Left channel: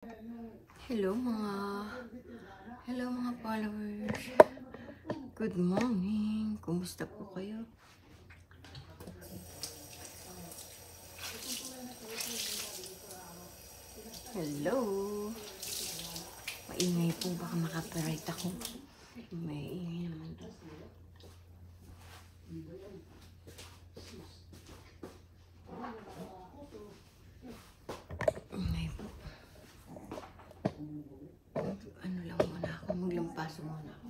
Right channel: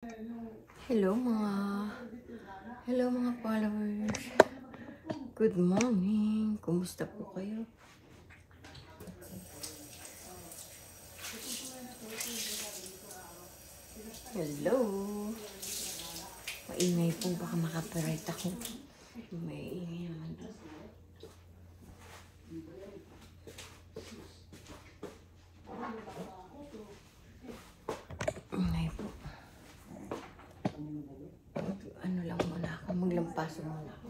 Hello mga followers. Good morning. Kumusta po kayo? Hello. Maingay po, baka makapiright ako. Maingay naman doon. Ingay po. Ano lang muna ako, maglampaso muna ako.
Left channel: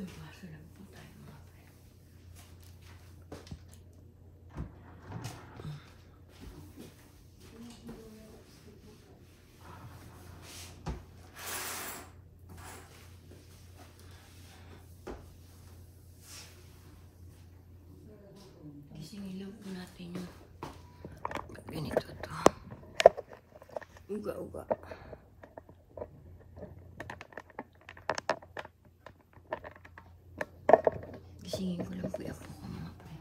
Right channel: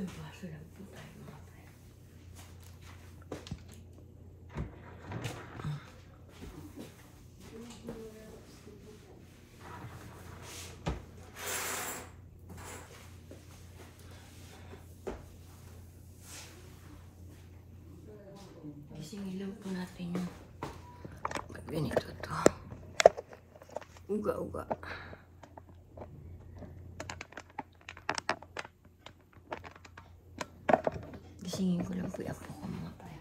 Lampaso lang po tayo mga friend. Gisingin lang po natin yung ganito to. Uga-uga. Gisingin ko lang po yung apo ko mga friend.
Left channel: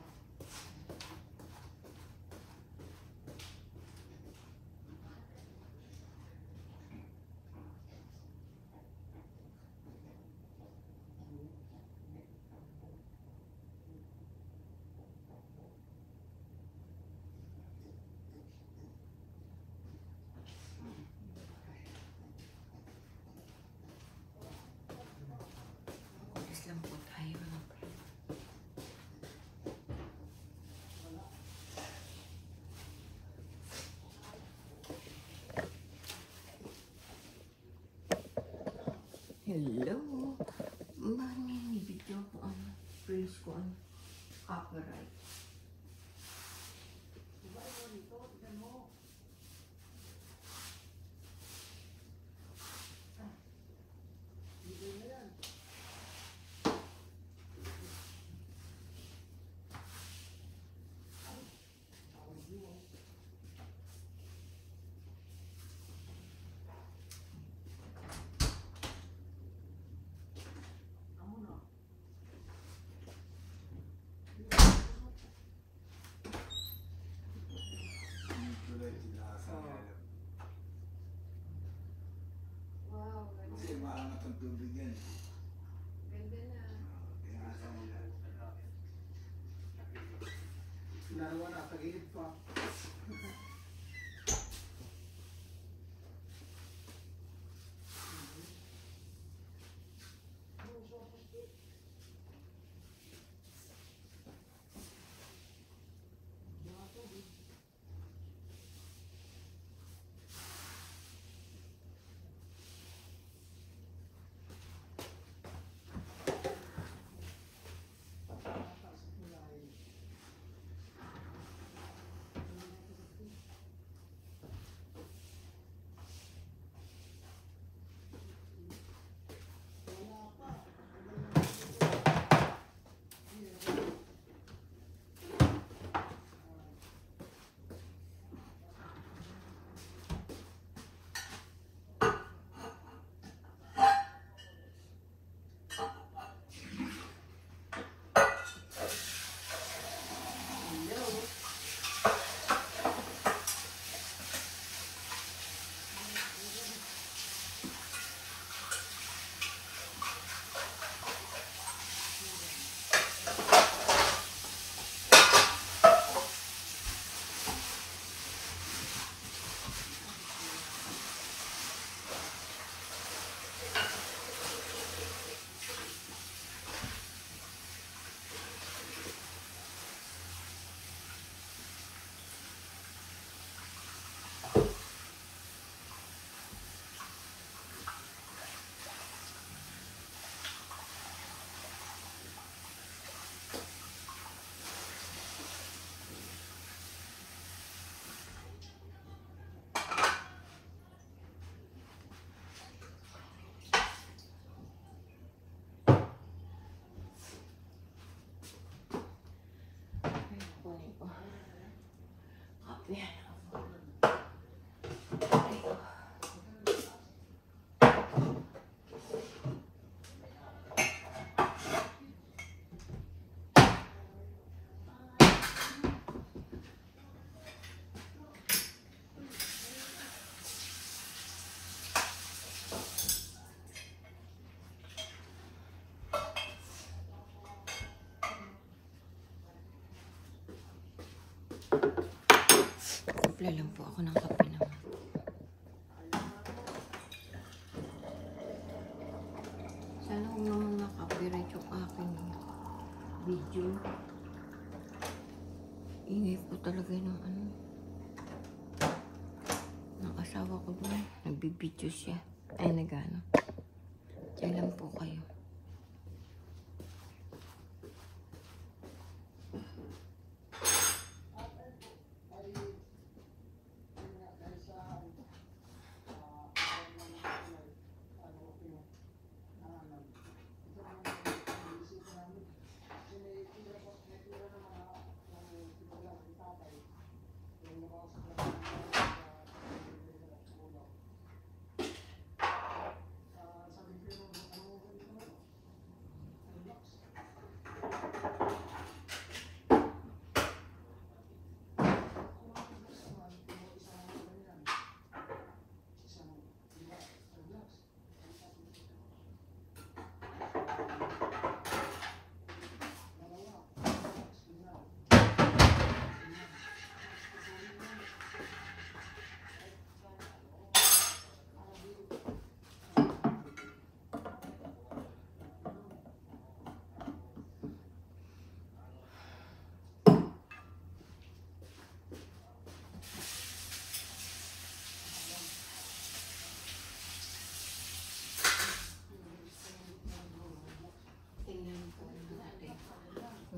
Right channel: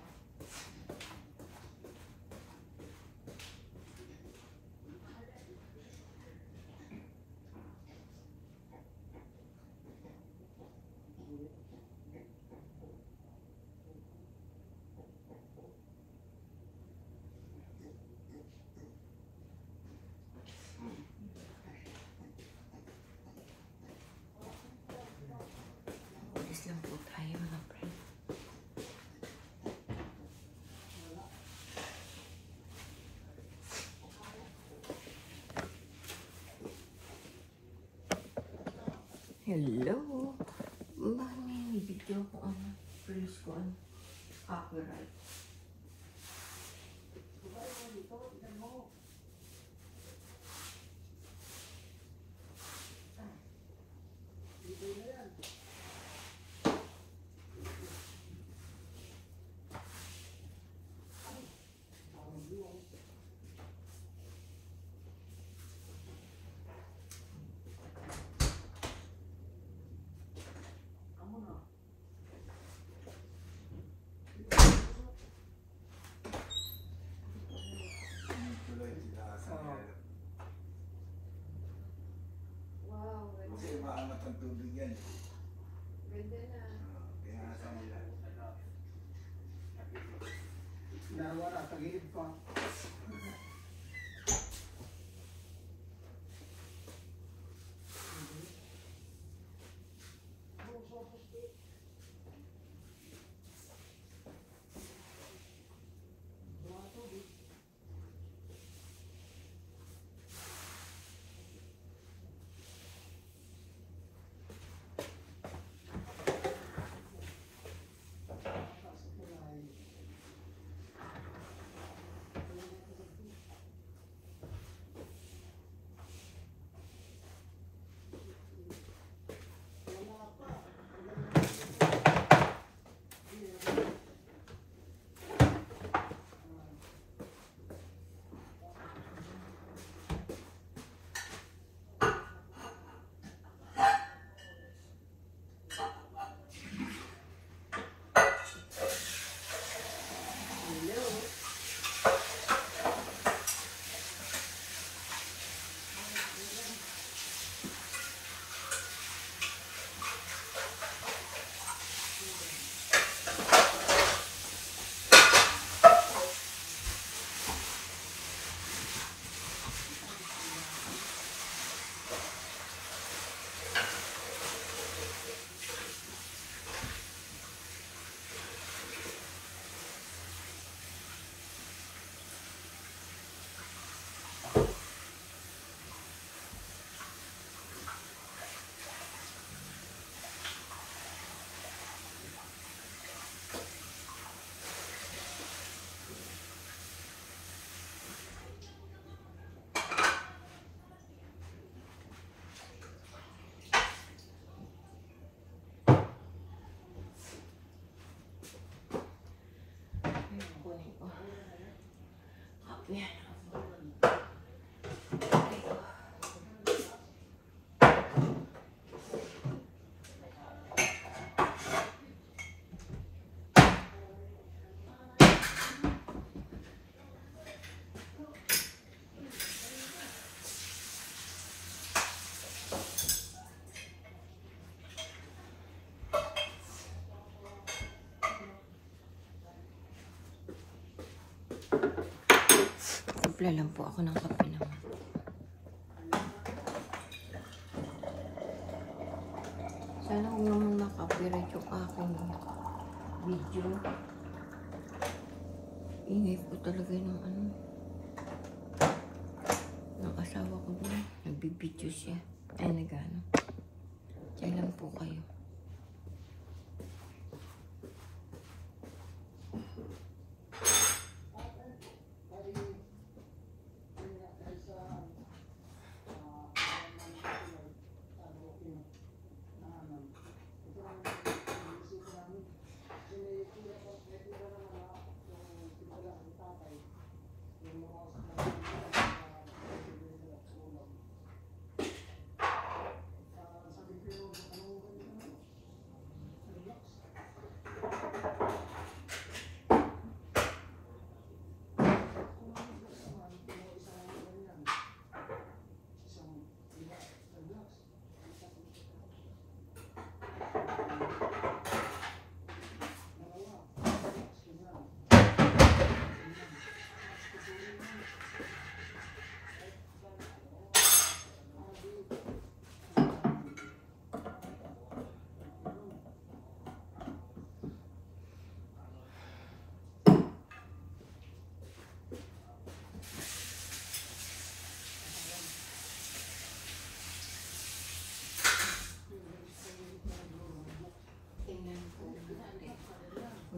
Alis lang po tayo mga friend. Hello. Bakit may video ko ang praise ko ang copyright? Kasi maangat ang tubig yan. Ganda na. Kaya nasa nila. Nawara, tagilid pa. kape. Simple lang po ako ng kape naman. Sana kung naman makapiright yung aking video. Ingay po talaga ng ano. Ng asawa ko doon. Nagbibidyo siya. Ay, nagano. Diyan lang po kayo.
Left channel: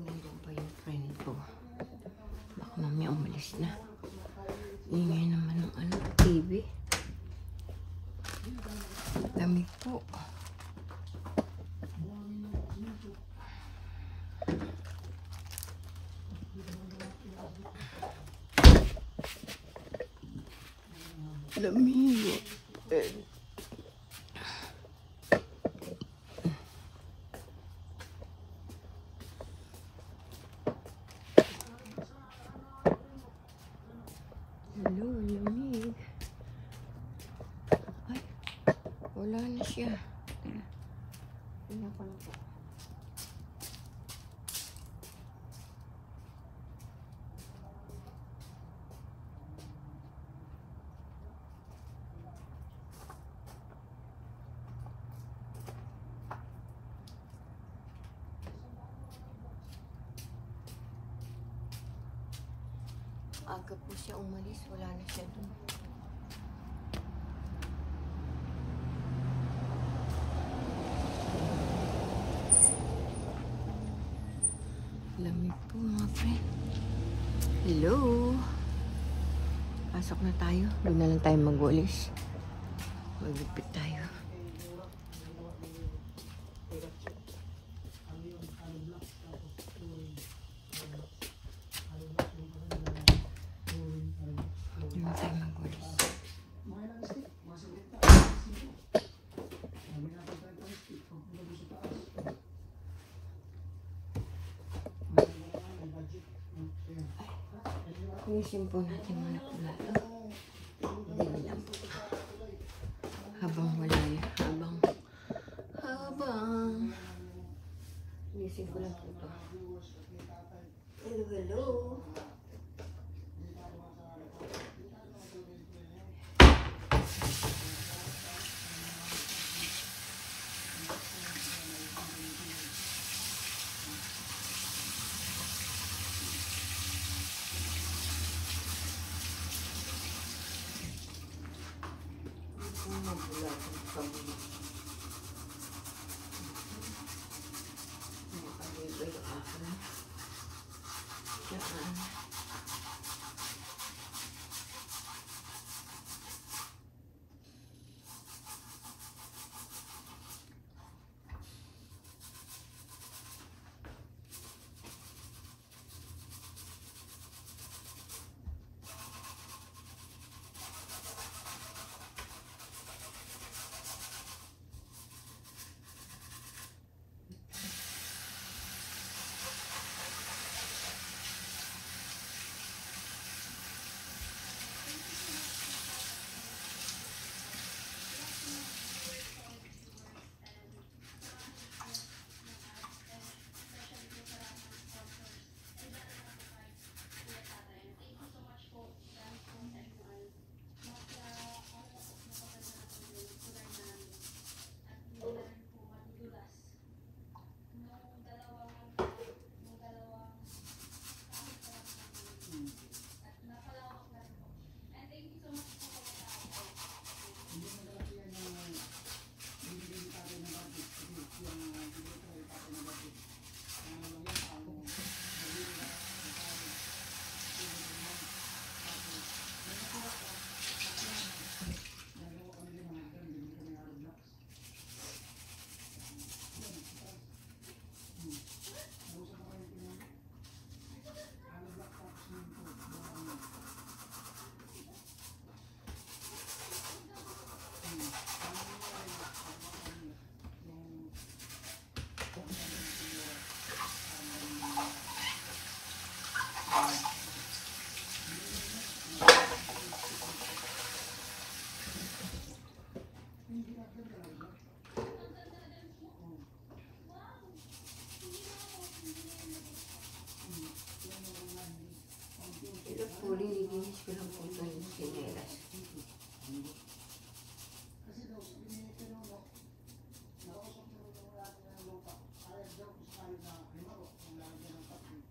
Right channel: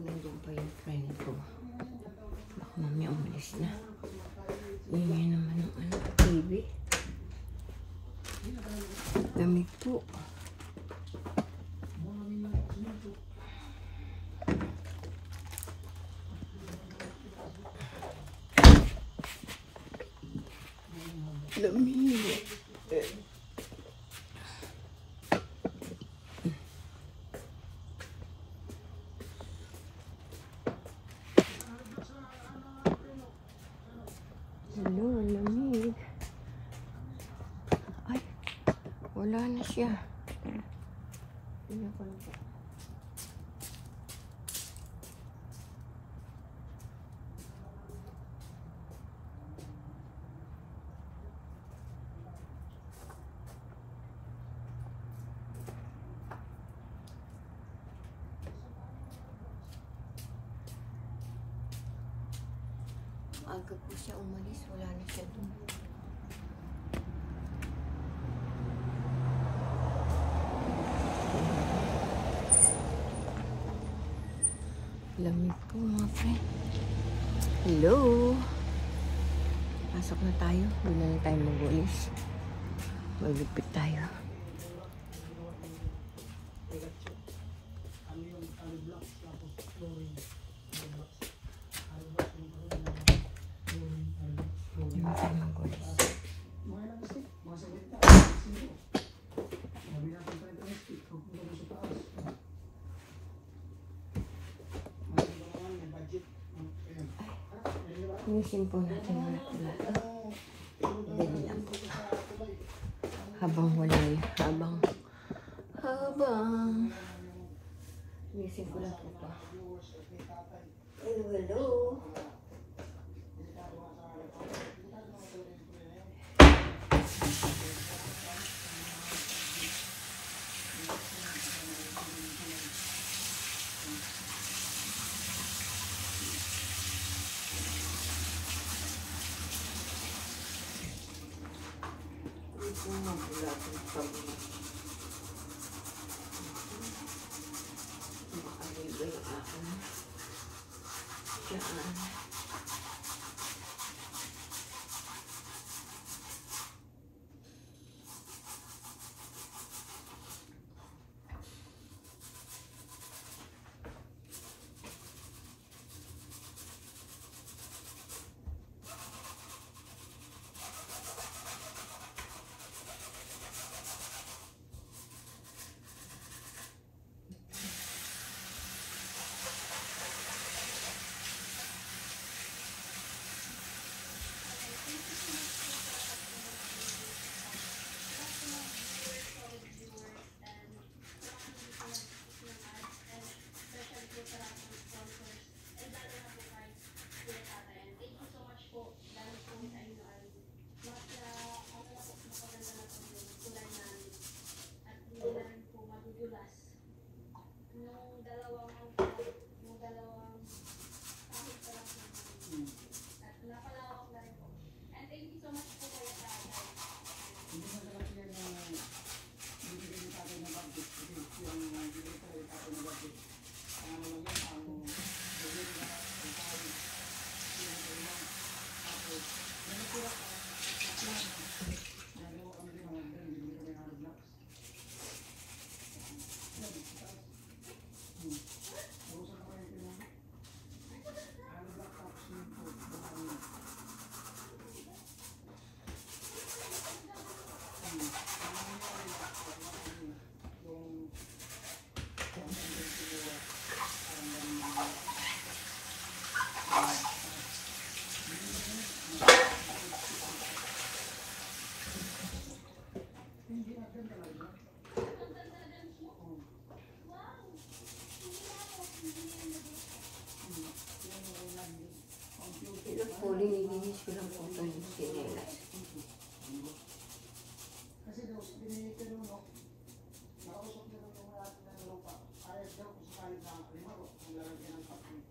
Nandun pa yung friend ko. Baka mamaya umalis na. Ingay naman ng ano, TV. Lamig po. Lamig. Hello, lamig. Ay, wala na siya. Tara. Tignan ko lang po. Aga po siya umalis, wala na siya dun. Lamig po mga friend. Hello! Pasok na tayo. Doon na lang tayo mag-walis. Magligpit tayo. Inisin po natin muna po lahat. Dali lang po. Habang wala yun. Habang. Inisin ko lang po ito. Hello, hello. Silang po ito yung sinelas. Kasi daw, binigyan no, nakausap nila itong lahat ng lupa. Ayos daw kung sakaling ba, halimbawa, ang lalagyan ng kape.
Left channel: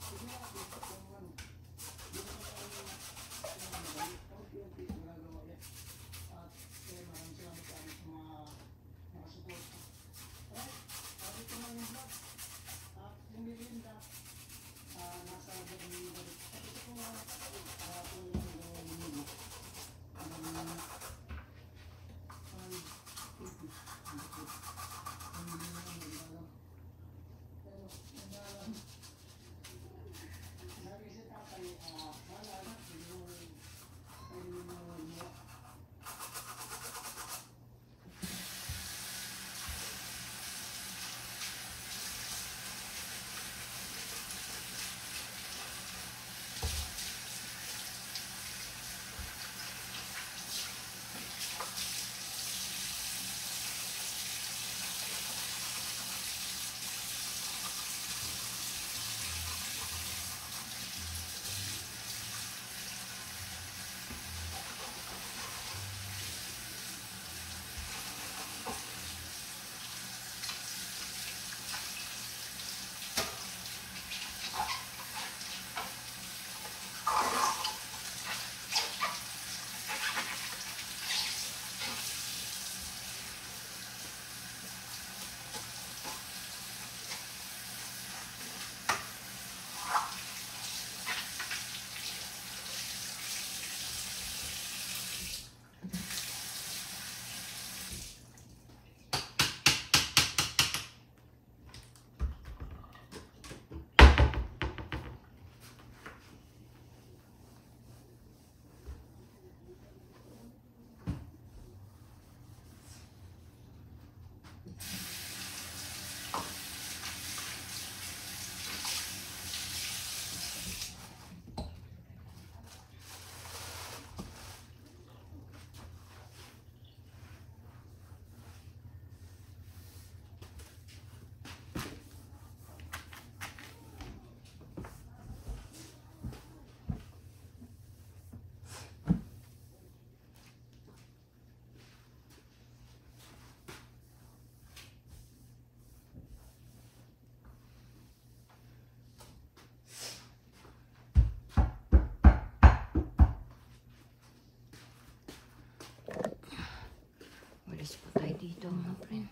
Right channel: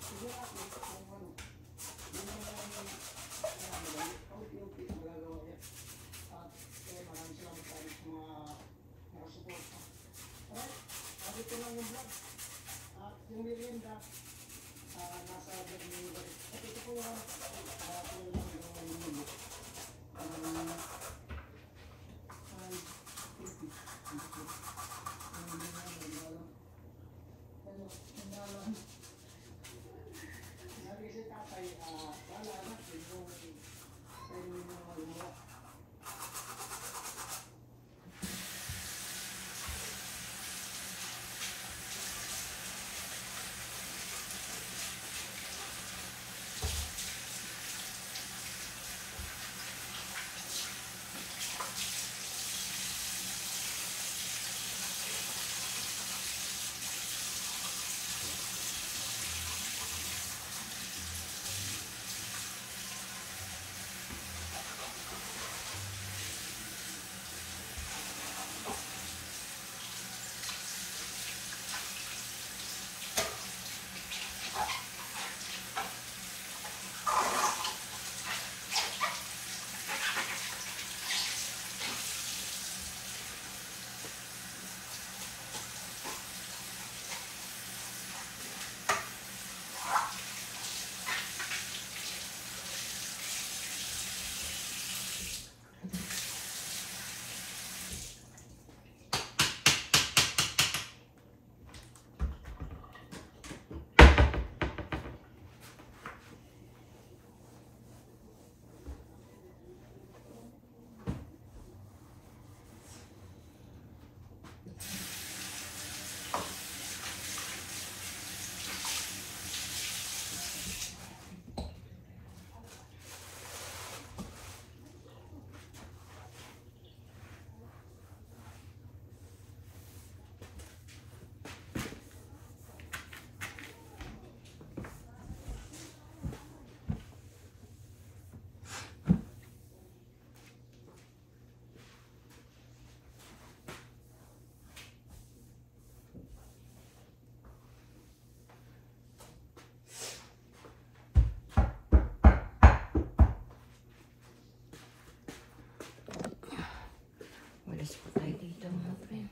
Sige ako, kung ano, yung mga pauti-uti ang magagawa yan. At maraming salamat tayo sa mga nakasuporta. At ito lang yung vlog. At yung merienda, nasa vlog nyo yung vlog. At ito po yung Walis pa tayo dito mga friend.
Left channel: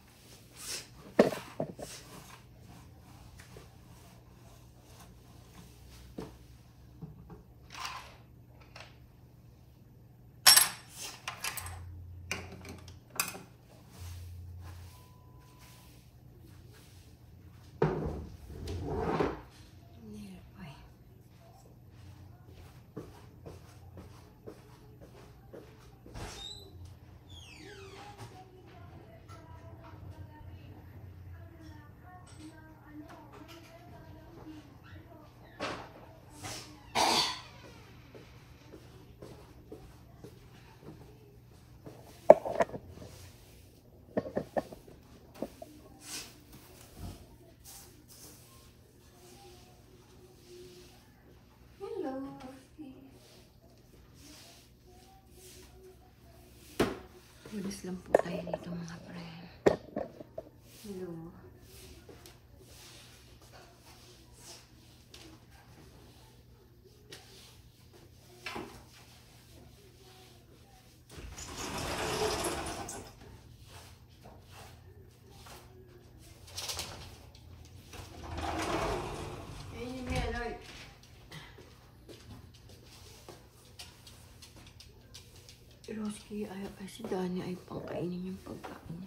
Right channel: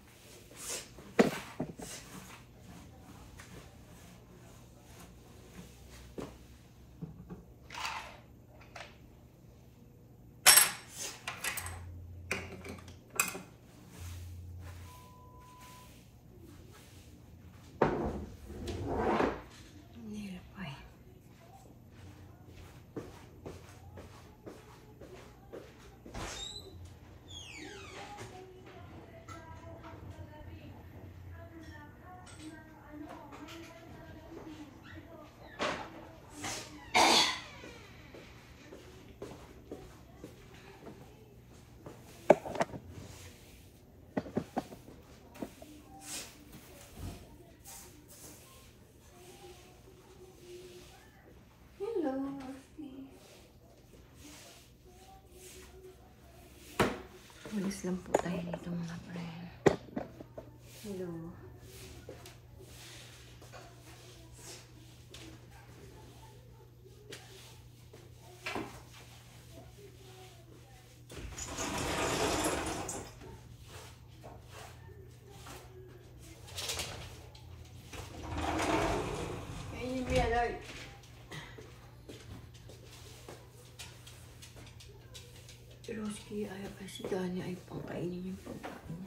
Walis lang po tayo dito mga friend. Hello. Roski ay si Dani ay pangkainin yung pagkain.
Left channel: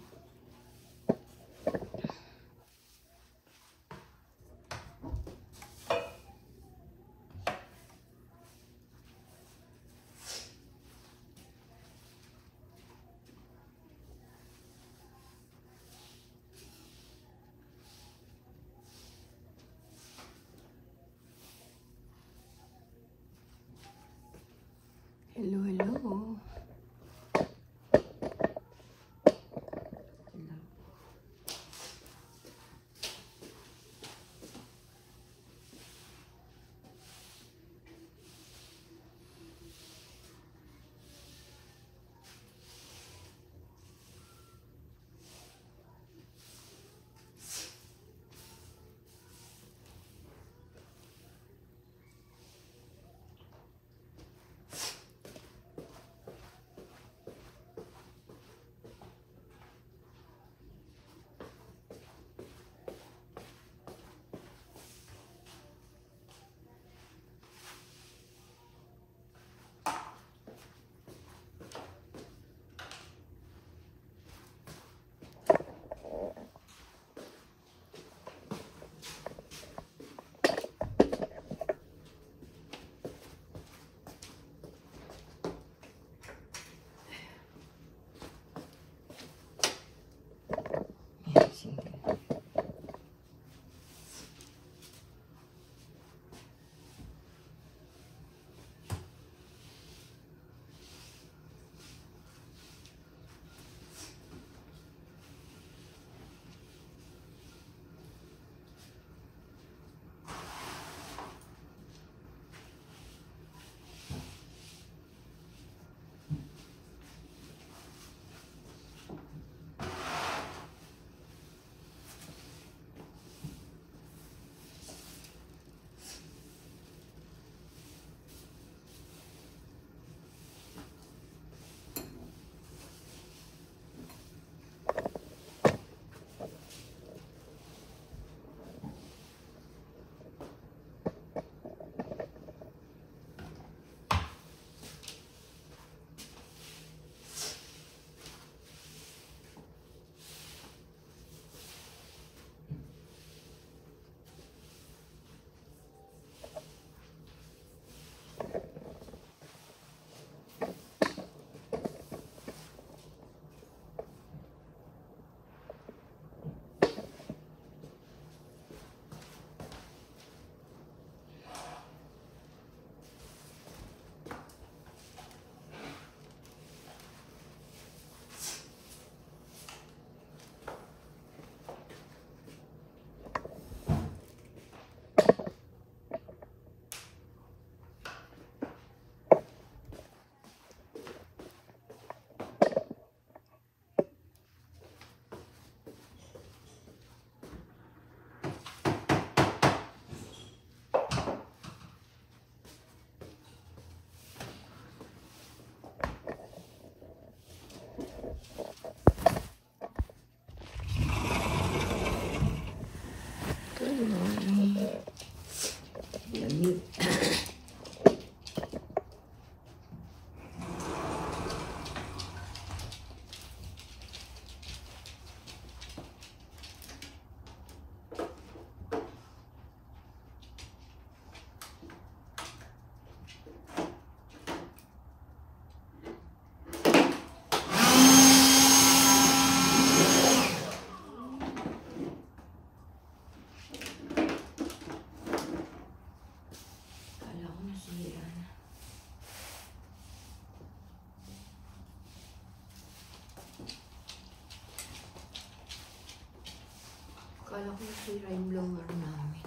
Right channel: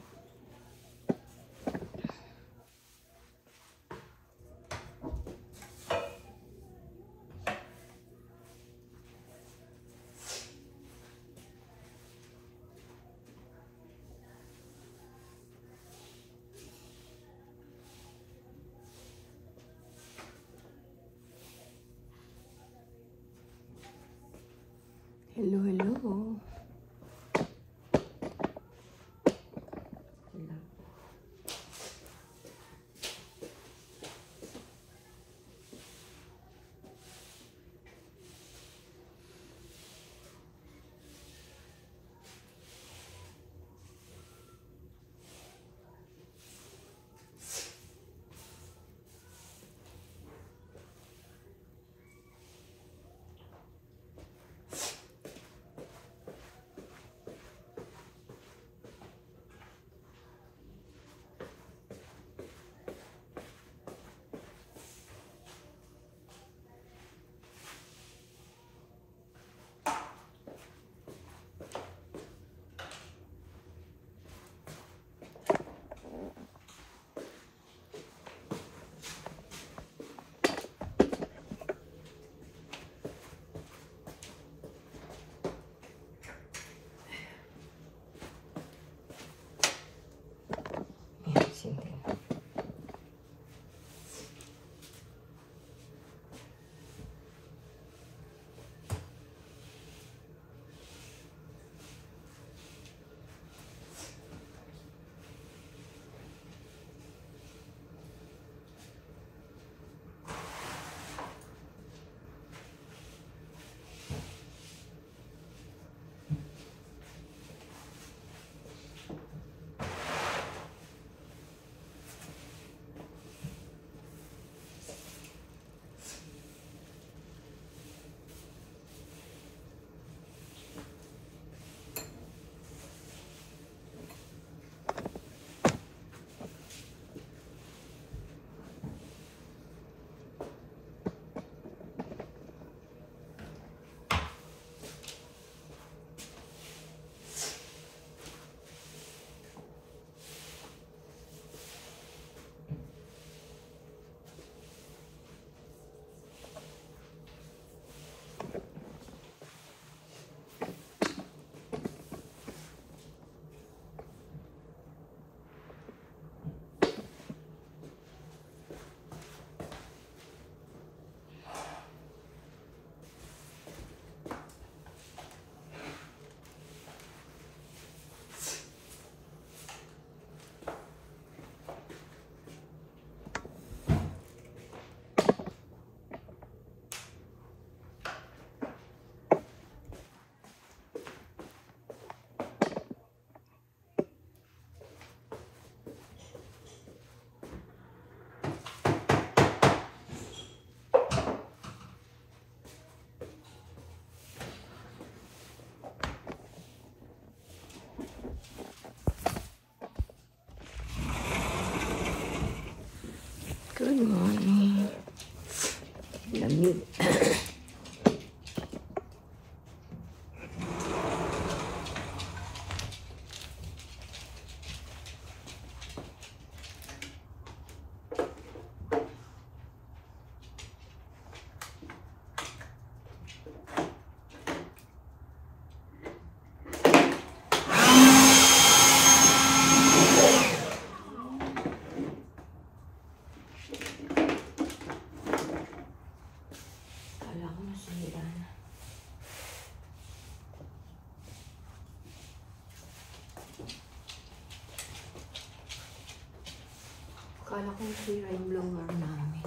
Hello, hello. Akala ko sila yung blower namin.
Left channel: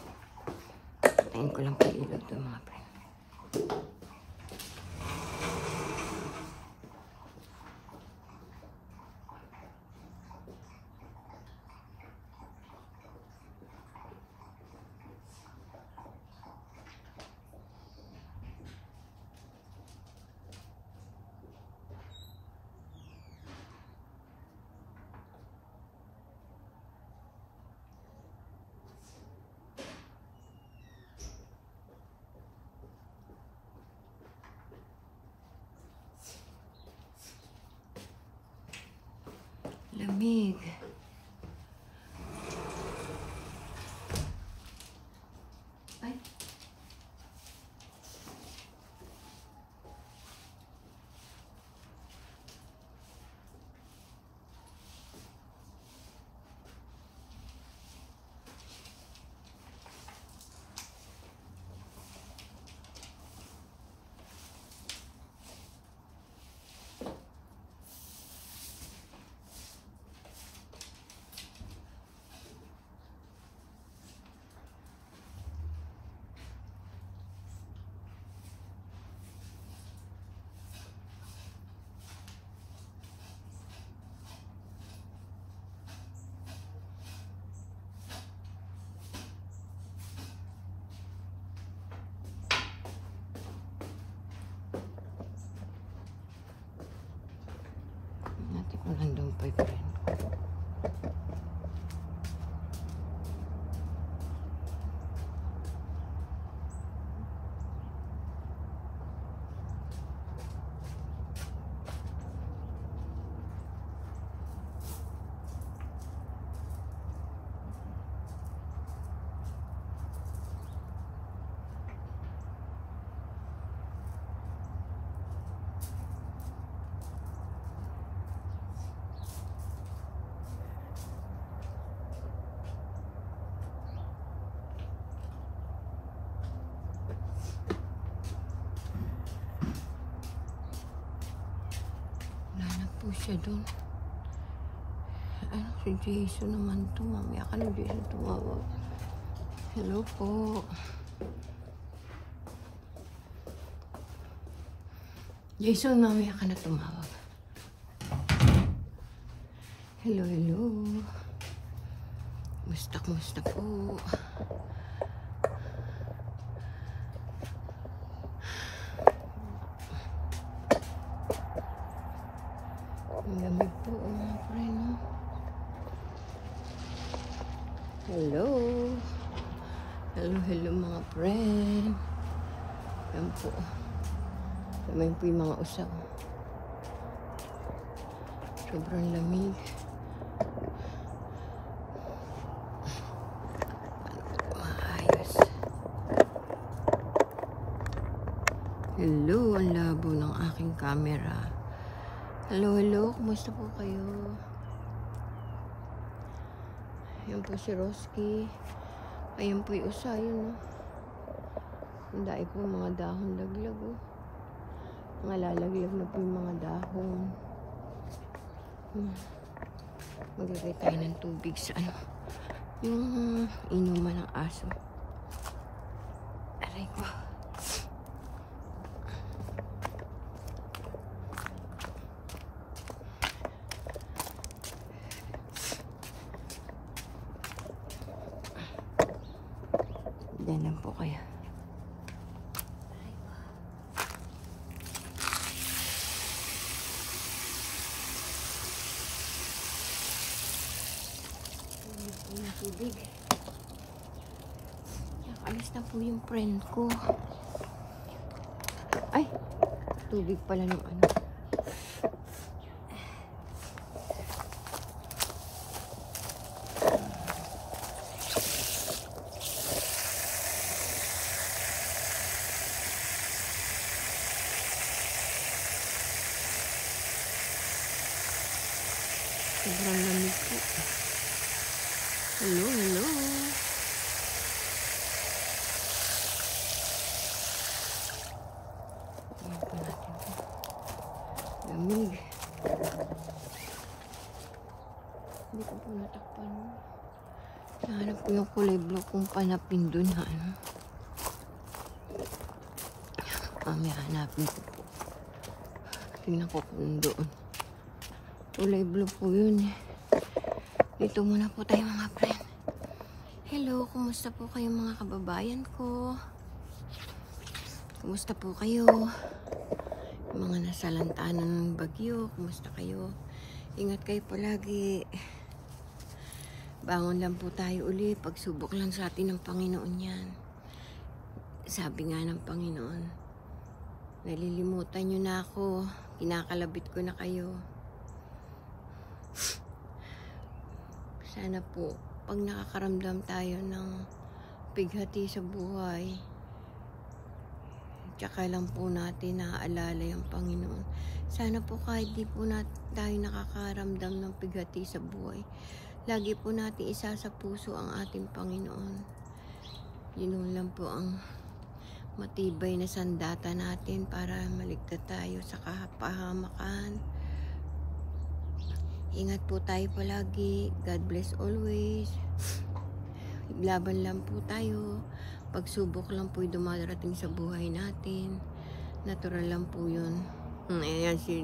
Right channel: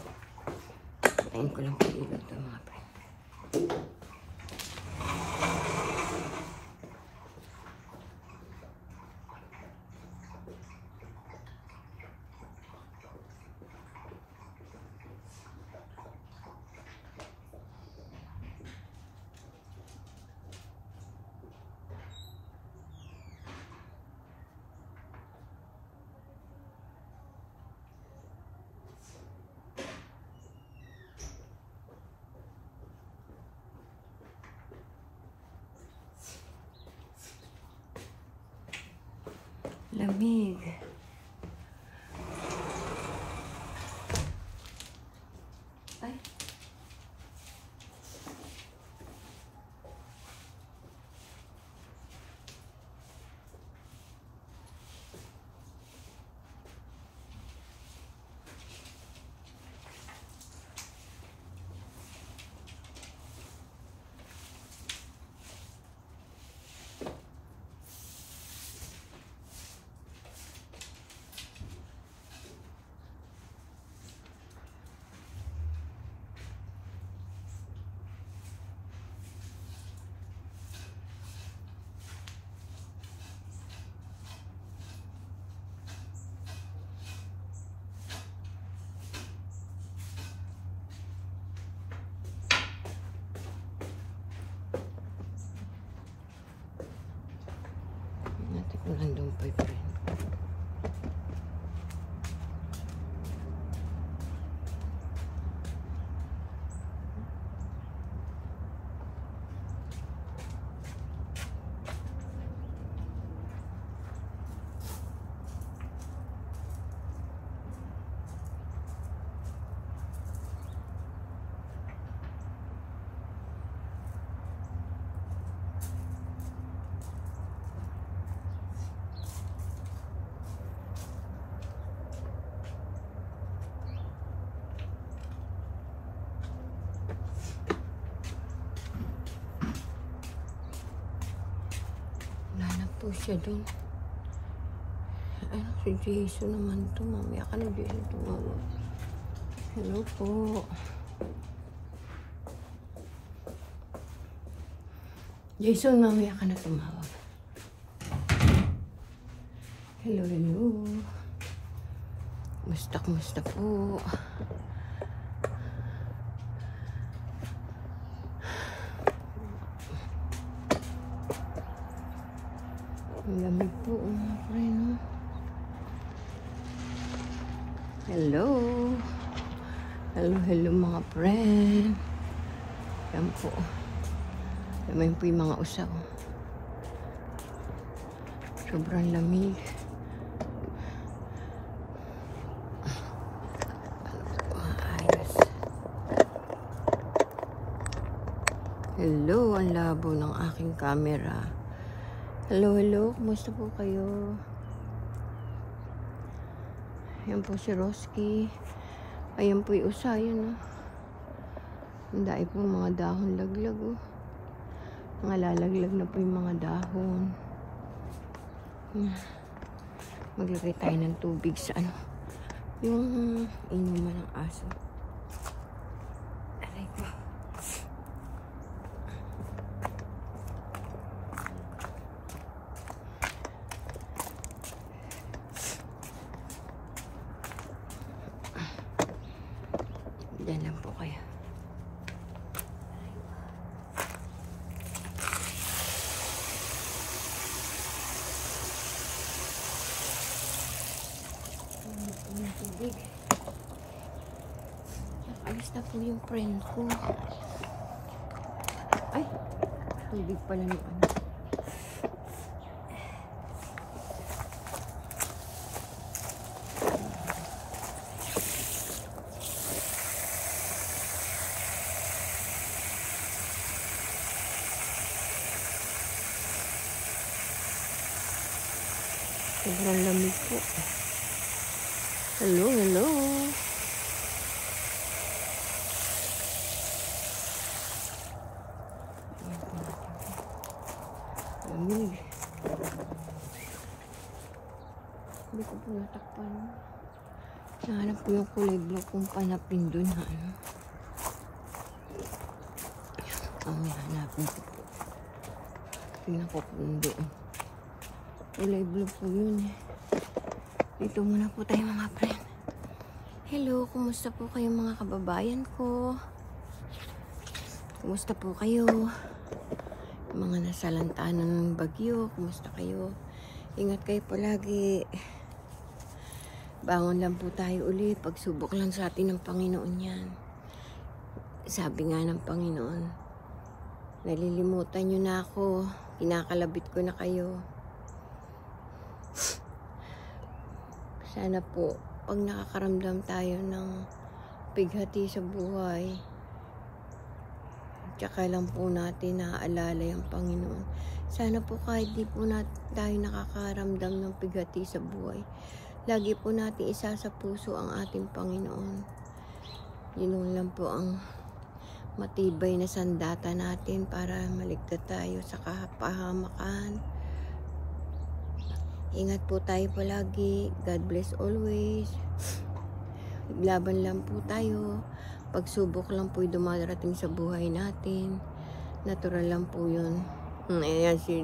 Tayin ko lang po ilaw ito mga friend. Lamig. Ay. Natin ko lang doon pa ito. Po siya doon. Ano si Jason naman to? Mamaya ka na Jason tumawag. Hello po. Jason, mamaya ka na tumawag. Hello, hello. Musta po. Ang lamig po, mga friend. Hello. Hello mga friend. Yan po. Lamig po yung mga usaw. Sobrang lamig. Maayos. Hello, ang labo ng aking camera. Hello, kumusta po kayo? Ayan po si Roski. Ayan po yung usayan. Ang dahil po yung mga dahon laglag. Malalaglag na po yung mga dahon. Maglagay tayo ng tubig sa ano. Yung inuman ng aso. Aray ko. Diyan lang po kaya. Yung tubig. Alis na po yung friend ko. Ay! Tubig pala ng ano. Sobrang lamig po. Hello. Ayan po natin po. Lamig. Hindi ko po natakpan. Hanap ko yung kulay blue kung panapin dun, ha? Mamaya hanapin ko po. Tingnan ko kung doon. Kulay blue po yun eh. Dito muna po tayo mga friend. Hello, kumusta po kayo mga kababayan ko? Kumusta po kayo? Mga nasa lantanan ng bagyo, kumusta kayo? Ingat kayo palagi. Bangon lang po tayo uli. Pagsubok lang sa atin ng Panginoon yan. Sabi nga ng Panginoon, nalilimutan nyo na ako. Kinakalabit ko na kayo. Sana po, pag nakakaramdam tayo ng bighati sa buhay, tsaka lang po natin naaalala yung Panginoon. Sana po kahit di po tayo nakakaramdam ng bighati sa buhay, lagi po natin isa sa puso ang ating Panginoon. Yun lang po ang matibay na sandata natin para maligtas tayo sa kapahamakan. Ingat po tayo palagi. God bless always. Laban lang po tayo. Pagsubok lang po yung dumarating sa buhay natin. Natural lang po yun. Ayan si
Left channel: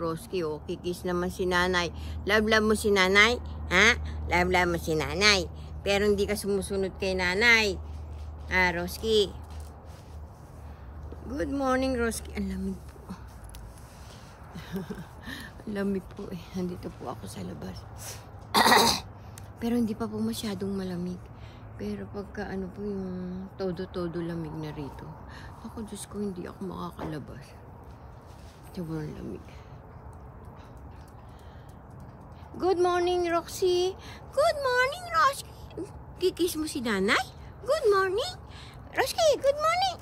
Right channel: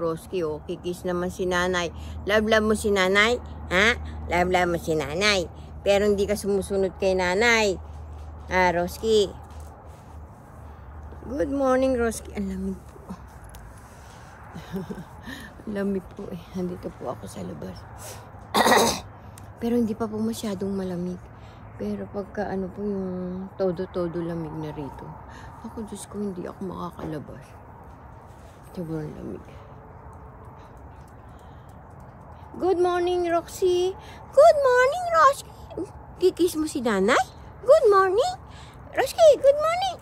Roski, oh. Kikis naman si nanay. Love mo si nanay? Ha? Love mo si nanay. Pero hindi ka sumusunod kay nanay. Ah, Roski. Good morning, Roski. Ang lamig po. Ang lamig po eh. Nandito po ako sa labas. Pero hindi pa po masyadong malamig. Pero pagka ano po yung todo-todo lamig na rito. Ako, Diyos ko, hindi ako makakalabas. Sobrang lamig. Good morning, Roxy. Good morning, Roxy. Kikis mo si nanay? Good morning. Roxy, good morning.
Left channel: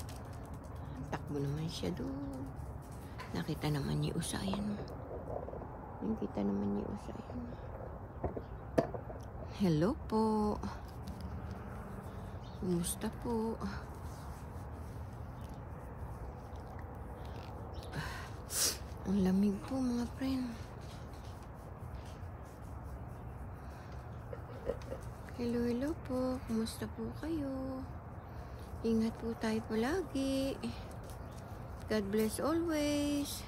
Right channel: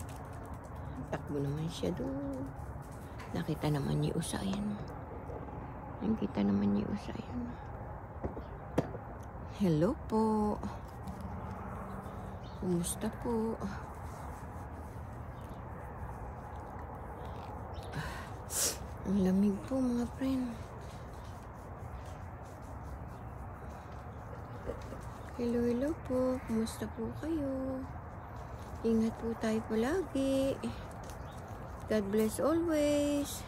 Takbo naman siya doon. Nakita naman ni Usayan. Nakita naman ni Usayan. Hello po. Kumusta po? Ang lamig po mga friend. Hello po. Kumusta po kayo? Ingat po tayo palagi. God bless always.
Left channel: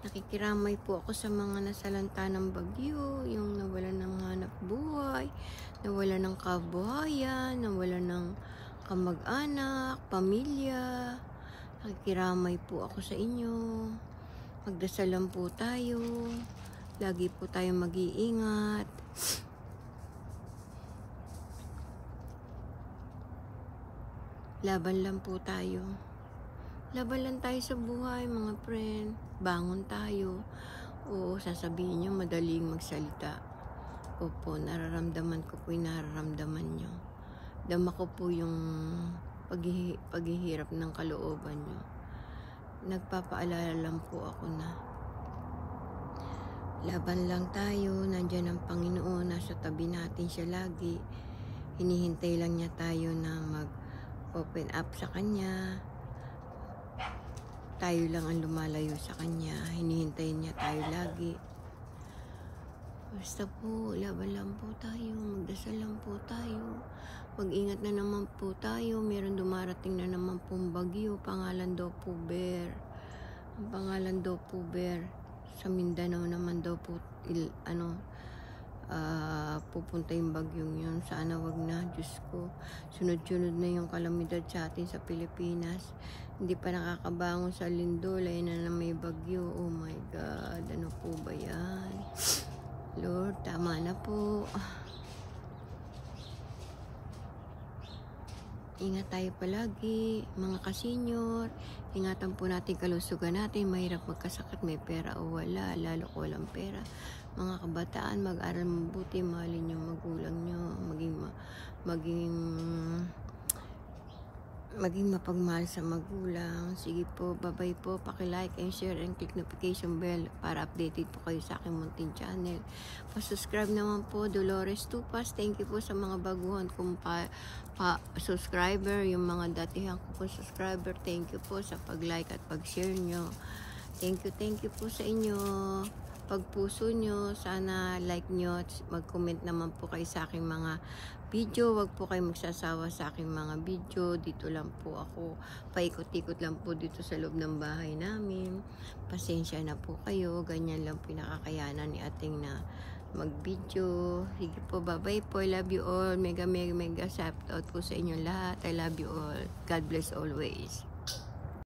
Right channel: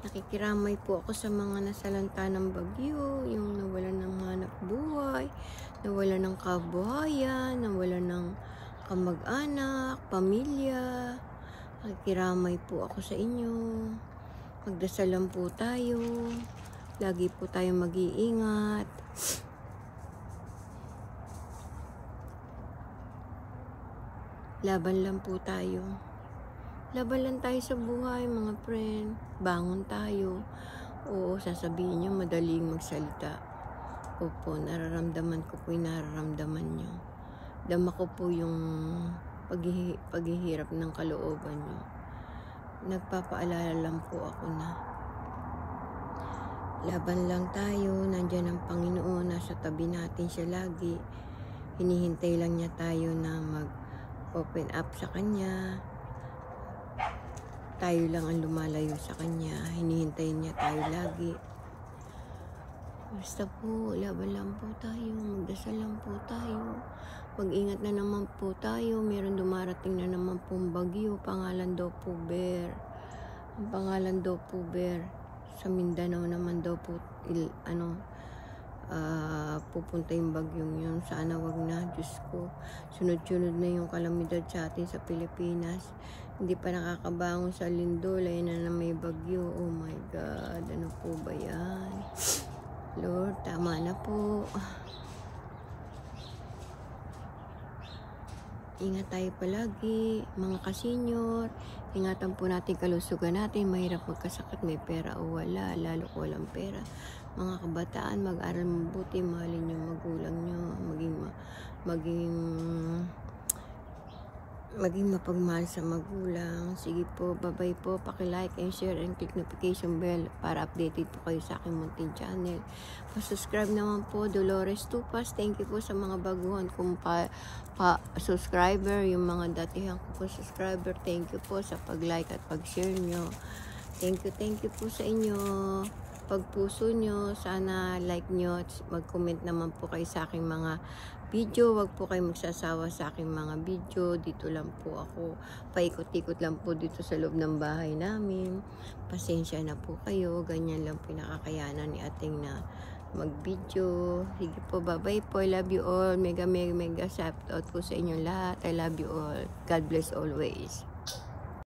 Nakikiramay po ako sa mga nasalanta ng bagyo, yung nawalan ng hanap buhay, nawalan ng kabuhayan, nawalan ng kamag-anak, pamilya. Nakikiramay po ako sa inyo. Magdasal lang po tayo. Lagi po tayo mag-iingat. Laban lang po tayo. Laban lang tayo sa buhay, mga friend. Bangon tayo. Oo, sasabihin nyo, madaling magsalita. Opo, nararamdaman ko po yung nararamdaman nyo. Dama ko po yung paghihirap ng kalooban nyo. Nagpapaalala lang po ako na laban lang tayo, nandyan ang Panginoon, nasa tabi natin siya lagi. Hinihintay lang niya tayo na mag-open up sa Kanya. Tayo lang ang lumalayo sa Kanya. Hinihintayin niya tayo lagi. Basta po, laban lang po tayo, magdasal lang po tayo. Mag-ingat na naman po tayo. Meron dumarating na naman pong bagyo. Pangalan daw po Bear. Ang pangalan daw po Bear. Sa Mindanao naman daw po pupunta yung bagyong yun. Sana wag na, Diyos ko. Sunod-sunod na yung kalamidad sa atin sa Pilipinas. Hindi pa nakakabangon sa lindol. Ayun na may bagyo. Oh my God. Ano po ba yan? Lord, tama na po. Ingat tayo palagi, mga kasenyor. Ingatan po natin kalusugan natin. Mahirap magkasakit, may pera o wala. Lalo ko walang pera. Mga kabataan, mag-aral mabuti. Mahalin yung magulang nyo. Maging mapagmahal sa magulang. Sige po, bye-bye po. Paki-like and share and click notification bell para updated po kayo sa aking munting channel. Pa-subscribe naman po, Dolores Tupas. Thank you po sa mga baguhan kong subscriber, yung mga datihan ko po subscriber. Thank you po sa pag-like at pag-share nyo. Thank you po sa inyo. pagpuso nyo. Sana like nyo, mag-comment naman po kayo sa aking mga video. Wag po kayo magsasawa sa aking mga video. Dito lang po ako, paikot-ikot lang po dito sa loob ng bahay namin. Pasensya na po kayo, ganyan lang pinakakayanan ni ating na mag-video. Sige po, bye-bye po. I love you all. Mega shout out po sa inyong lahat. I love you all. God bless always.